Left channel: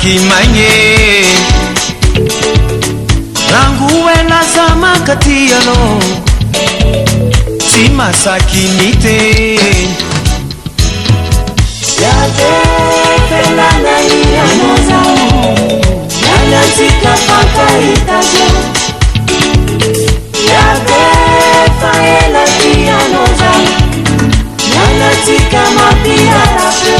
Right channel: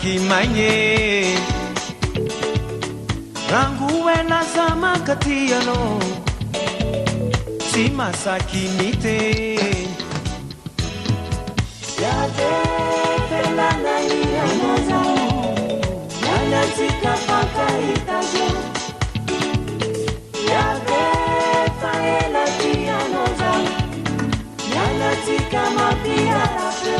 masaky magne ranguela zamakatiano si masaky nite yate fenana iramoza nanatika fakaitaje yate faela tianoza nanatika mapiarafe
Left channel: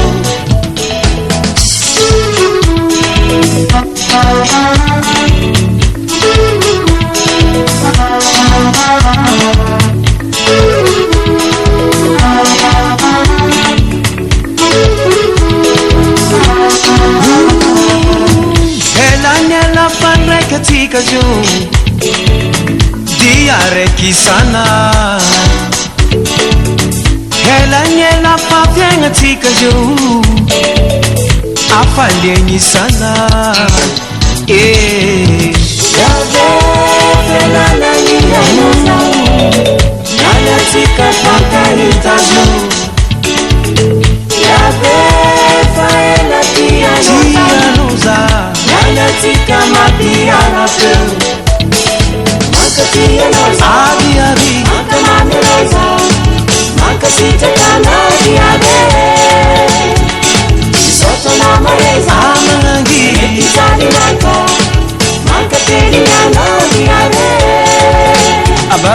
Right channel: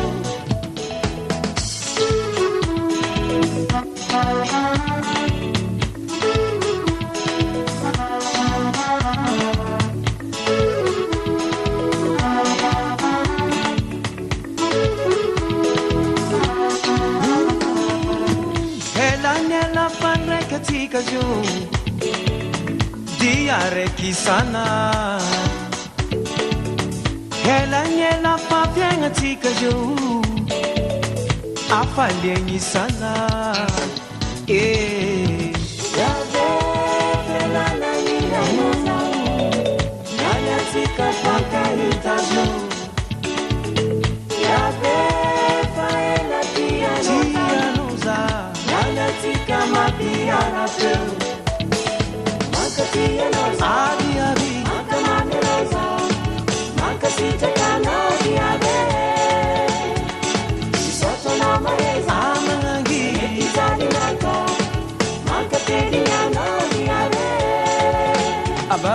katika juu diareki sana hela nyela papyenga tika juu afalyenyi sana yabe hela na nyela nana tika pakarita juu yabe faela tianoza tika mapiano fe makatianoza abi makamamiloza makasita kanadi abe soto na mareza amangi itani nako makatiriano abe aba